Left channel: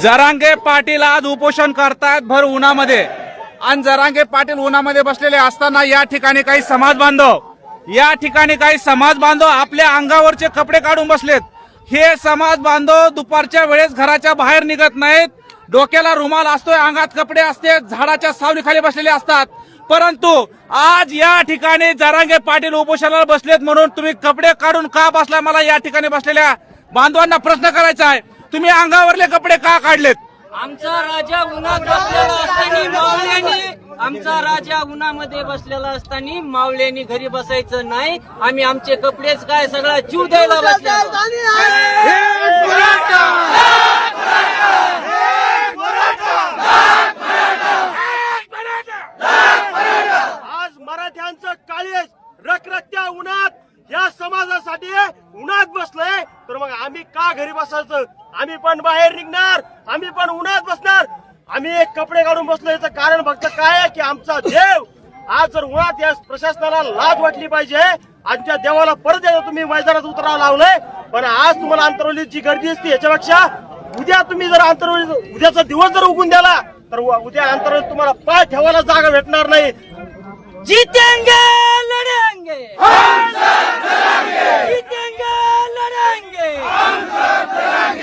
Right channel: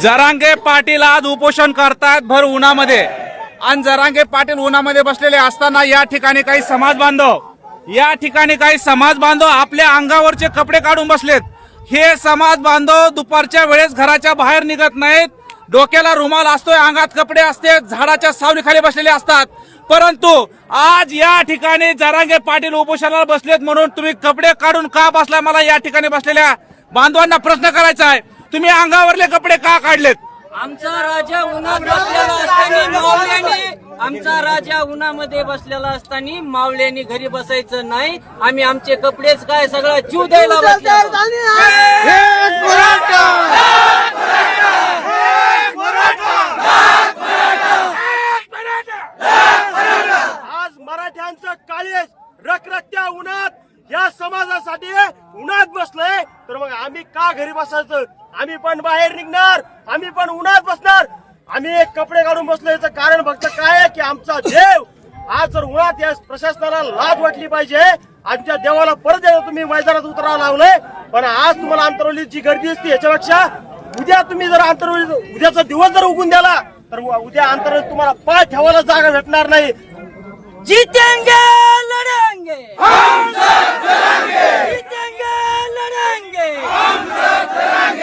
जरांगे पाटील आज उपोषण करतायत भर उन्हामध्ये आणि जरांगे पाटील उन्हामध्ये बसलेले असताना या ठिकाणी काही समाज बांधव आपल्या अंगावरचे कपडे काढून बसलेत। हे समाज बांधव दुपारच्या वेळेस घराच्या बाहेर निघत नाहीत, डोक्याला रुमाल असतोय, अंगात कपडे असते, झाडाच्या सावलीखाली बसलेले असतात। परंतु आज या ठिकाणी जरांगे पाटील उपोषणाला बसलेत म्हणून तुम्ही कपडे काढून का बसलाय? मला या ठिकाणी बसलेल्या बांधवांना प्रश्न करायचा आहे, तुम्ही अंगावरले कपडे का काढलेत? आमचा राजा उन्हात बसलेला असताना उन्हामध्ये बसलेला असताना मावळ्यांनी घरी बसायचं नाही। आम्ही आमचे कपडेच काय सगळा जीव द्यायला बसलो। आज मराठ्यांचं काळेज रखरखत्या उन्हात या समाजासाठी उन्हात बसलोय, तर मग आम्ही का घरी बसायचं? आम्ही पण बाहेर निघणार, आम्ही पण उन्हात बसणार। आम्ही एक कपडे काढून बसलो याचं कारण फक्त काय आहे की आमचा देव आज जर उन्हात या प्रशासनाला लाज वाटली पाहिजे, आमच्या देवाला परत एकदा तुम्ही मैदानात उतरावं लावलंय। पण आज तुम्हाला आंतरवलीत जी गर्दी असते याच्यापेक्षा उद्या तुम्ही जर आंतरवली उद्याचा दिवस जर उगून द्याला तर उद्या आंतरवलीत तुम्हाला पाय ठेवायला जागा भेटणार नाही। जीतेंगे लढेंगे, जीतेंगे लढेंगे,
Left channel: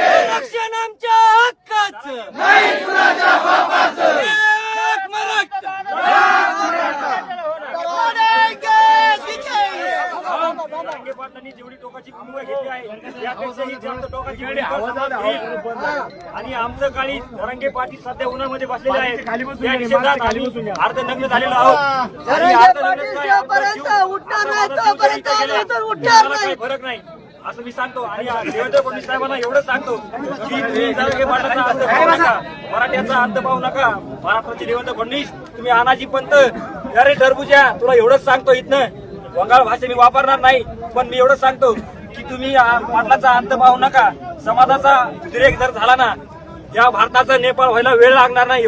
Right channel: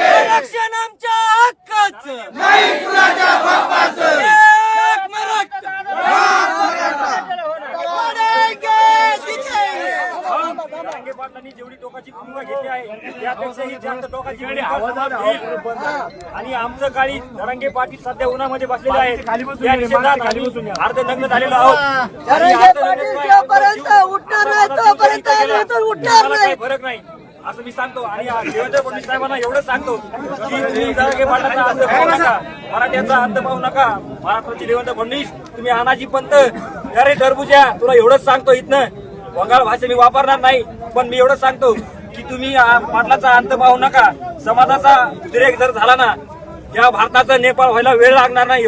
आरक्षण आमच्या हक्काचं, एक मराठा जरांगे पाटलांनी जेवढी टोकाची भूमिका घेतली आहे त्यापेक्षाही जास्त टोकाची भूमिका समाज घेईल। आणि आमचं काळी जरांगे पाटील सध्या उन्हामध्ये बसलेले आहेत, त्या निषेधात आम्ही अर्धनग्न झालेलो आहोत। काही फरक नाही असं मी सांगतो। आणि देवेंद्र फडणवीस साहेबांना एवढंच सांगतो की तुम्ही जरांगे पाटलाचा अंत पाहू नका, मराठ्याचा अंत पाहू नका। महाराष्ट्राचे देवेंद्र फडणवीस तुम्ही अनाजी पंत, अरे टरबुजा, तुला एवढंच सांगतो, इथनं बंगाल भाषा मी वापरणार नाही, पण मी एवढंच सांगतो की तुम्ही पाटलाचा अंत पाहू नका। समाजाचा उद्रेक जर झाला ना, या भारताचा नेपाळ व्हायला वेळ लागणार नाही।